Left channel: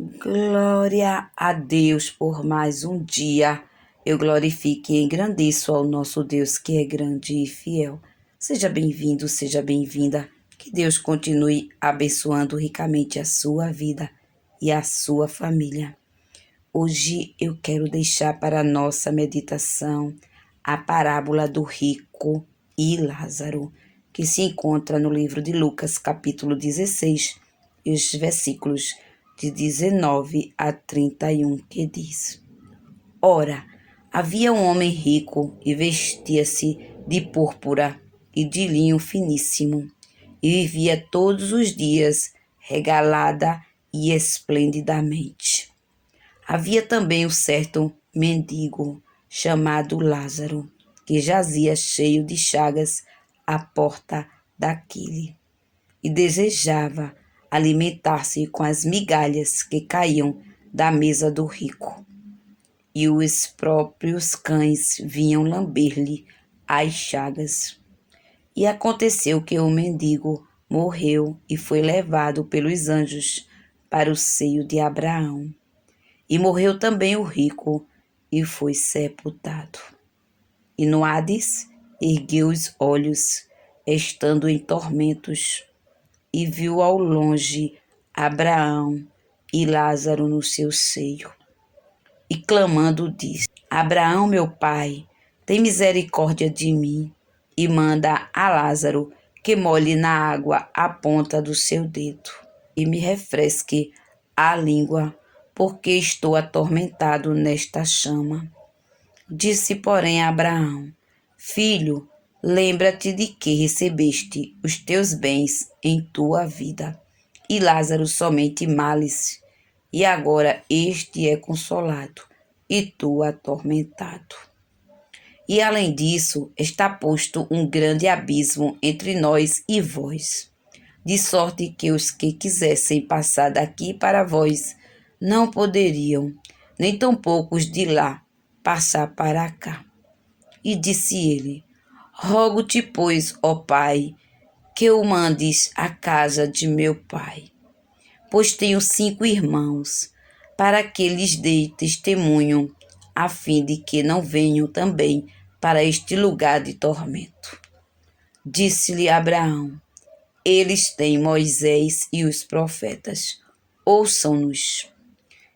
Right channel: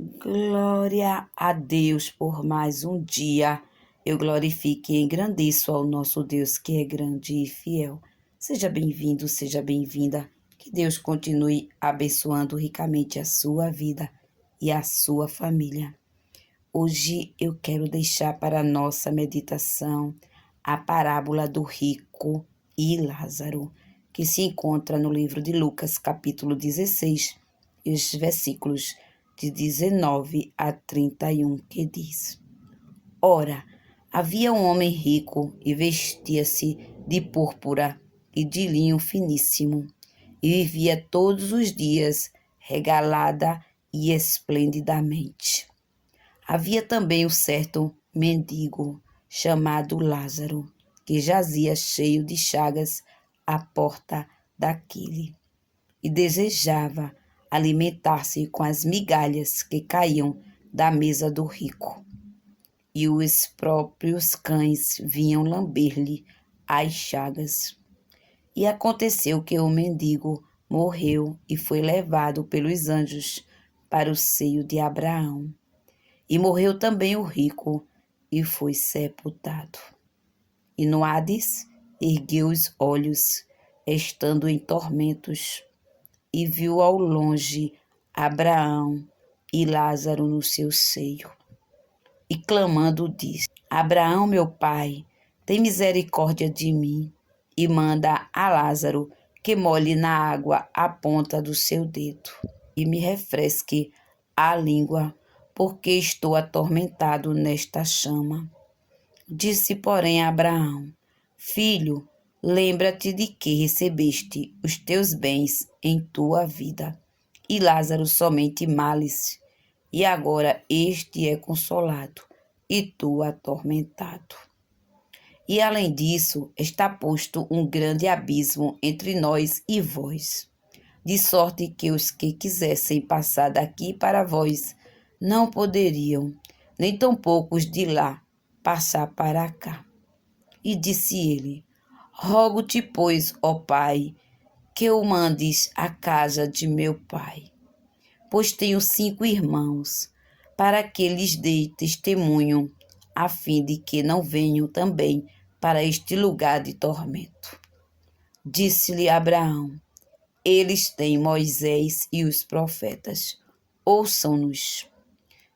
Glória a Deus por mais um dia. Eu glorifico e engrandeço ao nosso Deus que é grande e fiel. Seja bem-vindo, seja bem-vinda. Que Deus continue abençoando ricamente a sua vida e a sua família. Hoje eu quero deixar para a nossa meditação a parábola do rico e Lázaro, que se encontra no livro de Lucas, capítulo 16, e os versículos de 19 a 31, que diz: Ora, havia um homem rico e vestia-se de púrpura e de linho finíssimo, e vivia todos os dias regalada e esplendidamente. Havia também um certo mendigo chamado Lázaro, que jazia cheio de chagas à porta daquele, e desejava alimentar-se com as migalhas que caíam da mesa do rico. E os próprios cães vinham lamber-lhe as chagas. E aconteceu que o mendigo morreu e foi levado pelos anjos para o seio de Abraão. E morreu também o rico e foi sepultado. E no Hades ergueu os olhos, estando em tormentos, e viu ao longe Abraão e Lázaro no seu seio. E clamando disse: Abraão, meu pai, tem misericórdia de mim, e manda a Lázaro que molhe na água a ponta do seu dedo, e me refresque a língua, porque estou atormentado nesta chama. Disse, porém, a Abraão: Filho, lembra-te de que recebeste os teus bens em tua vida, e Lázaro somente males, e agora este é consolado, e tu atormentado. E além disso, está posto um grande abismo entre nós e vós, de sorte que os que quisessem passar daqui para vós não poderiam, nem tampouco os de lá passar para cá. E disse ele: Rogo-te, pois, ó Pai, que o mandes à casa de meu pai, pois tenho 5 irmãos, para que lhes dê testemunho, a fim de que não venham também para este lugar de tormento. Disse-lhe Abraão: Eles têm Moisés e os profetas, ouçam-nos.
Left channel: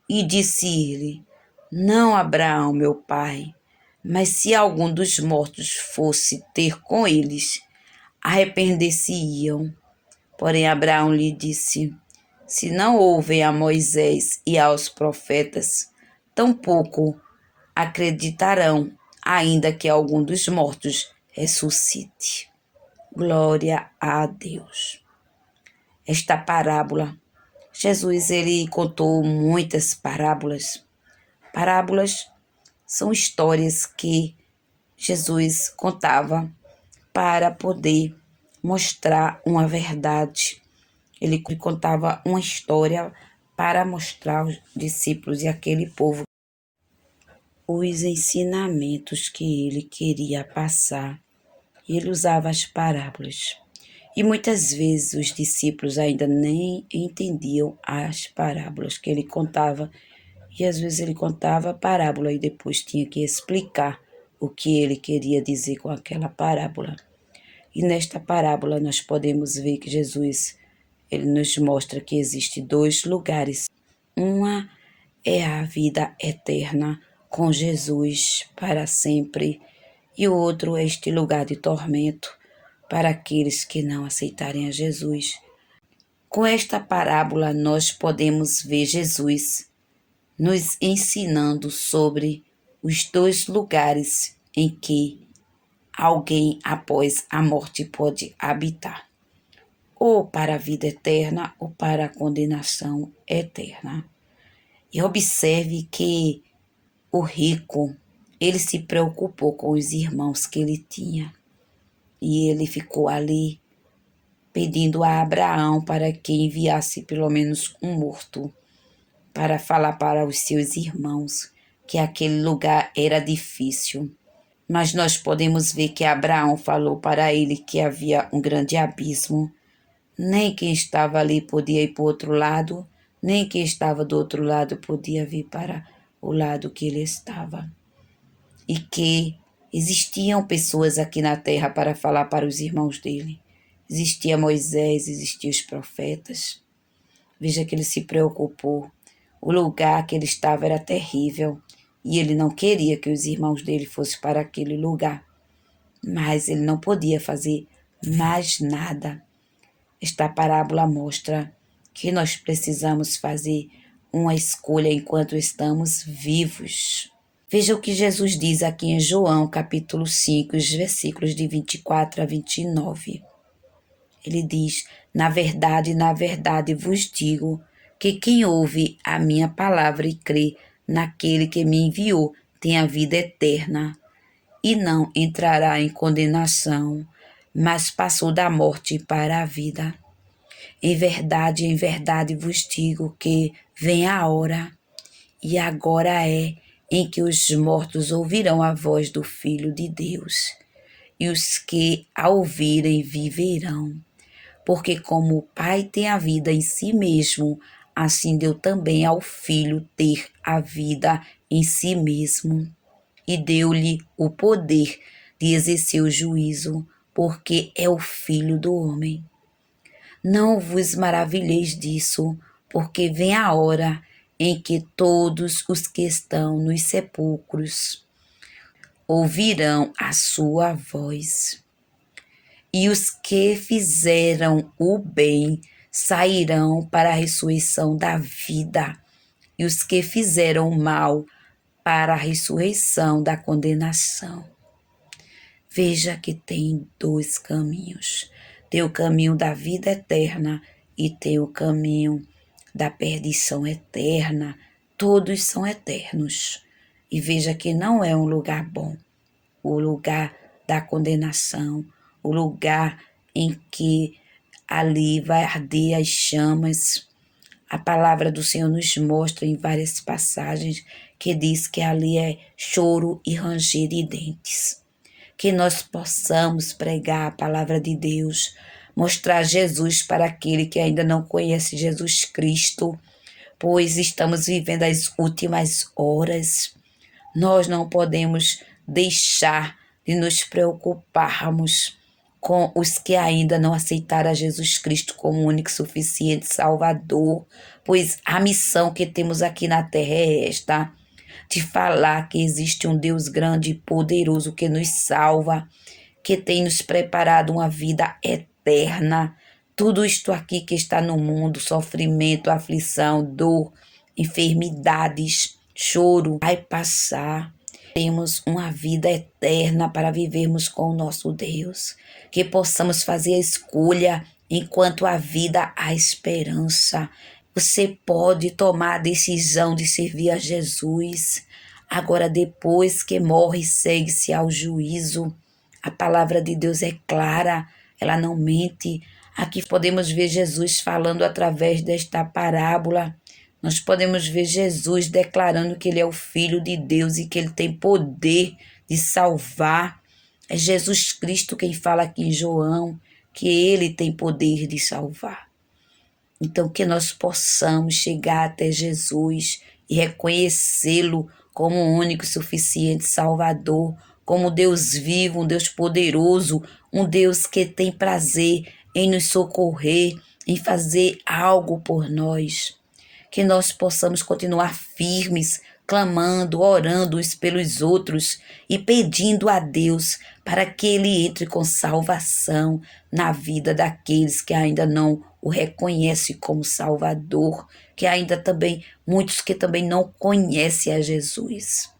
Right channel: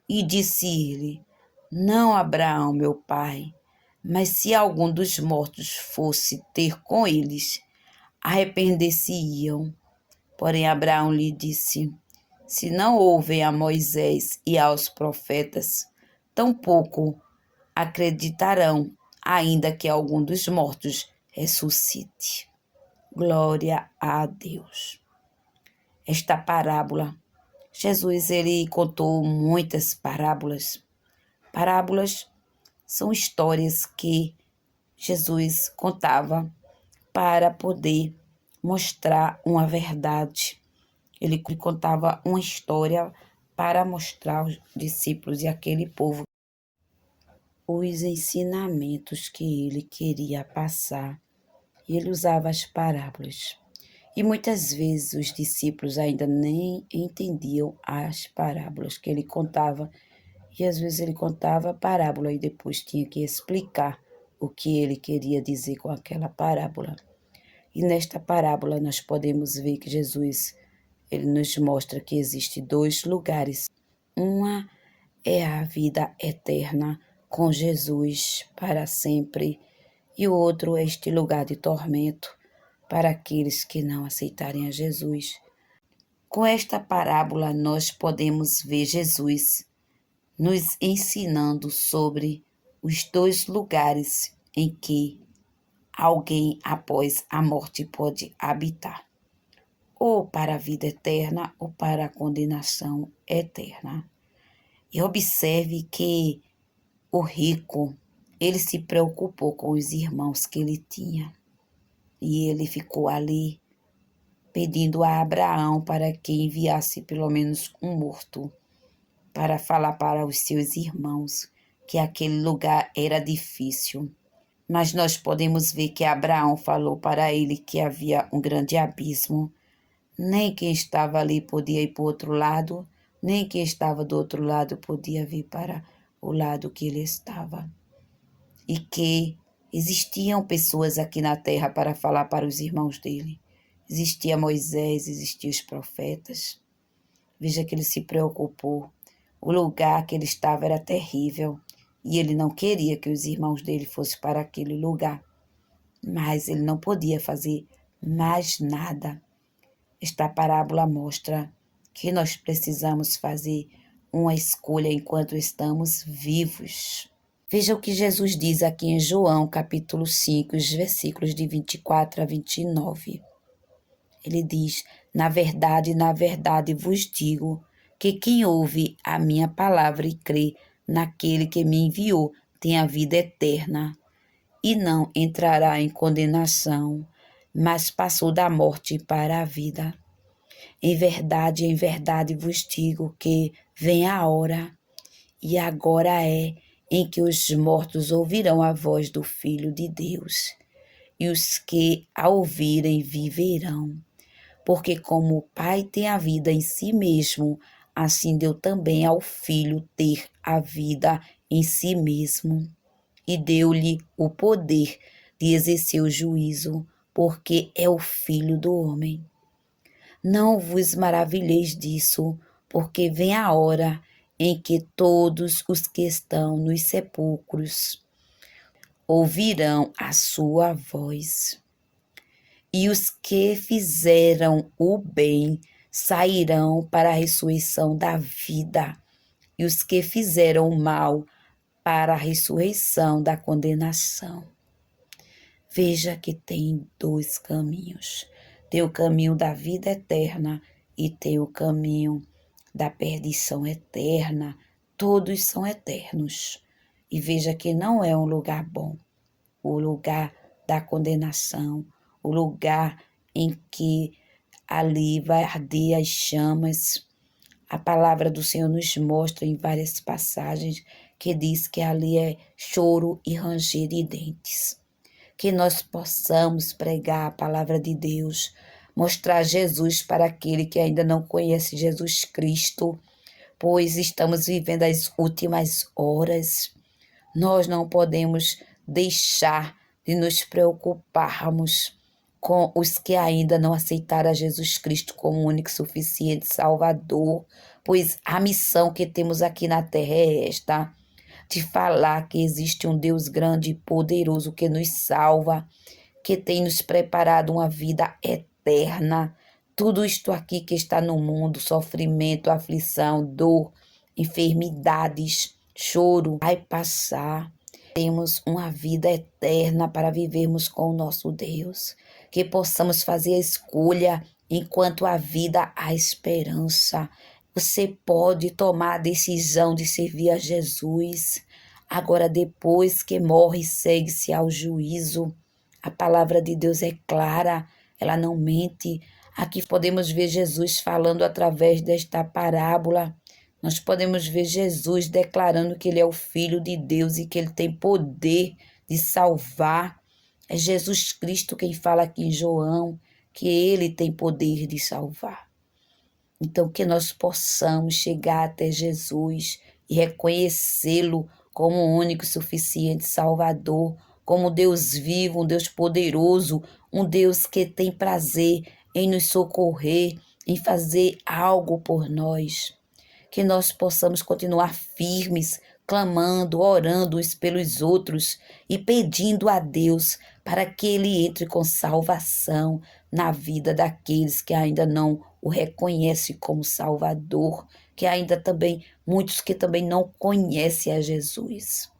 E disse ele: Não, Abraão, meu pai, mas se algum dos mortos fosse ter com eles, arrepender-se-iam. Porém Abraão lhe disse: Se não ouvem a Moisés e aos profetas, tampouco acreditarão, ainda que algum dos mortos ressuscite. Glória a Deus. Esta parábola, Jesus ele contou muitas parábolas. Parábolas são histórias que Jesus contava para poder mostrar uma verdade. Ele contava uma história para mostrar aos discípulos e aquele povo os ensinamentos que ele queria passar. Ele usava as parábolas. E muitas vezes os discípulos ainda nem entendiam as parábolas que ele contava. E às vezes ele contava a parábola e depois tinha que explicar o que ele queria dizer com aquela parábola. E nesta parábola nós podemos ver que Jesus ele nos mostra que existem 2 lugares. Uma é a vida eterna com Jesus para sempre, e o outro é este lugar de tormento para aqueles que não aceitarem a Jesus. Com esta parábola, nós podemos ver Jesus nos ensinando sobre os 2 lugares em que alguém após a morte pode habitar, ou para a vida eterna ou para a condenação eterna. E observe que o rico, ele se preocupou com os irmãos que ele tinha. E ele ficou ali pedindo a Abraão para que enviasse pelo menos um morto para falar para os seus irmãos que aquele lugar era difícil. Mas nós podemos ver que Abraão falou para ele que havia um grande abismo. Nem quem estava ali podia ir para o outro lado, nem quem estava do outro lado podia vir para o lado que ele estava. E que existiam pessoas aqui na terra para falar para os irmãos dele. Existia Moisés, existiam os profetas. Veja que ele se preocupou. O lugar que ele estava era terrível e ele não queria que os irmãos dele fossem para aquele lugar. Mas ele não podia fazer mais nada. Esta parábola mostra que nós precisamos fazer uma escolha enquanto estamos vivos. Veja o que Jesus diz aqui em João, capítulo 5, os versículos de 24 a 29. Ele diz: na verdade vos digo que quem ouve a minha palavra e crê naquele que me enviou tem a vida eterna e não entrará em condenação, mas passou da morte para a vida. Em verdade vos digo que vem a hora, e agora é, em que os mortos ouvirão a voz do Filho de Deus, e os que a ouvirem viverão. Porque como o Pai tem a vida em si mesmo, assim deu também ao Filho ter a vida em si mesmo. E deu-lhe o poder de exercer o juízo, porque é o Filho do homem. Não vos maravilheis disso, porque vem a hora em que todos os que estão nos sepulcros ouvirão a sua voz. E os que fizeram o bem sairão para a ressurreição da vida, e os que fizeram o mal para a ressurreição da condenação. Veja que tem dois caminhos. Tem o caminho da vida eterna e tem o caminho da perdição eterna. Todos são eternos. E veja que não é um lugar bom. O lugar da condenação, o lugar em que ali vai arder as chamas. A palavra do Senhor nos mostra em várias passagens que diz que ali é choro e ranger de dentes. Que nós possamos pregar a palavra de Deus, mostrar Jesus para aquele que ainda não conhece Jesus Cristo, pois estamos vivendo as últimas horas. Nós não podemos deixar de nos preocuparmos com os que ainda não aceitaram a Jesus Cristo como único e suficiente Salvador, pois a missão que temos aqui na terra é esta: de falar que existe um Deus grande e poderoso que nos salva, que tem nos preparado uma vida eterna. Tudo isto aqui que está no mundo, sofrimento, aflição, dor, enfermidades, choro, vai passar. Temos uma vida eterna para vivermos com o nosso Deus. Que possamos fazer a escolha enquanto há vida, há esperança. Você pode tomar a decisão de servir a Jesus. Agora, depois que morre, segue-se ao juízo. A palavra de Deus é clara, ela não mente. Aqui podemos ver Jesus falando através desta parábola. Nós podemos ver Jesus declarando que ele é o Filho de Deus e que ele tem poder de salvar. É Jesus Cristo quem fala aqui em João, que ele tem poder de salvar. Então, que nós possamos chegar até Jesus e reconhecê-lo como o único e suficiente Salvador, como Deus vivo, um Deus poderoso, um Deus que tem prazer em nos socorrer, em fazer algo por nós. Que nós possamos continuar firmes, clamando, orando uns pelos outros e pedindo a Deus para que Ele entre com salvação na vida daqueles que ainda não o reconhecem como Salvador, que ainda também, muitos que também não conhecem a Jesus.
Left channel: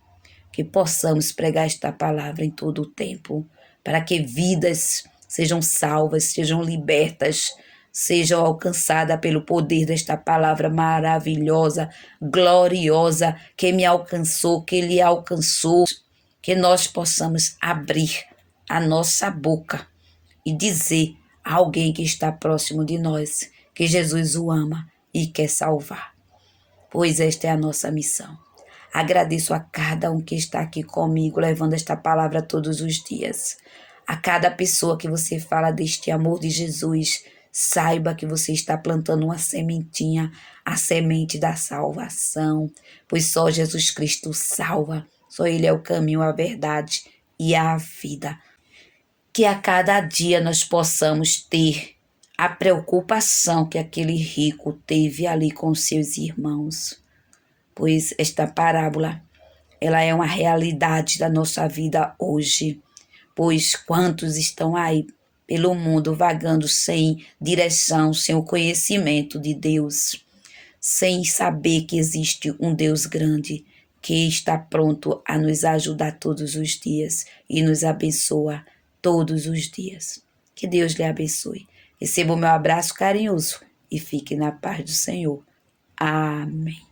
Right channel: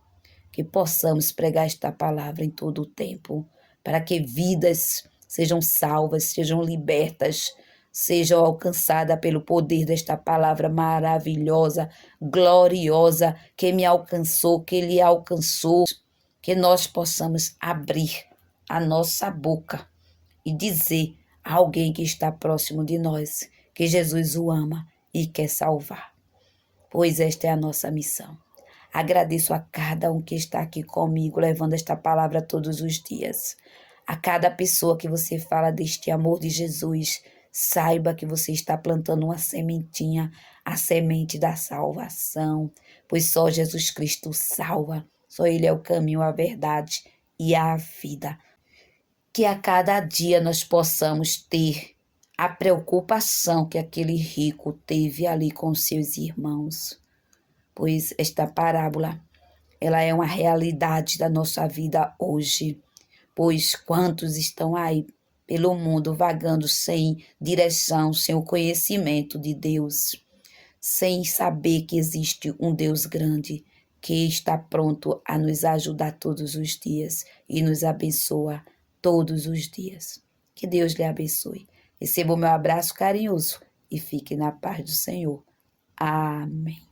Que possamos pregar esta palavra em todo o tempo, para que vidas sejam salvas, sejam libertas, sejam alcançadas pelo poder desta palavra maravilhosa, gloriosa, que me alcançou, que lhe alcançou, que nós possamos abrir a nossa boca e dizer a alguém que está próximo de nós que Jesus o ama e quer salvar, pois esta é a nossa missão. Agradeço a cada um que está aqui comigo, levando esta palavra todos os dias. A cada pessoa que você fala deste amor de Jesus, saiba que você está plantando uma sementinha, a semente da salvação, pois só Jesus Cristo salva, só Ele é o caminho, a verdade e a vida. Que a cada dia nós possamos ter a preocupação que aquele rico teve ali com seus irmãos, pois esta parábola, ela é uma realidade da nossa vida hoje, pois quantos estão aí pelo mundo vagando sem direção, sem o conhecimento de Deus, sem saber que existe um Deus grande que está pronto a nos ajudar todos os dias e nos abençoa todos os dias. Que Deus lhe abençoe. Receba o meu abraço carinhoso e fique na paz do Senhor. Amém.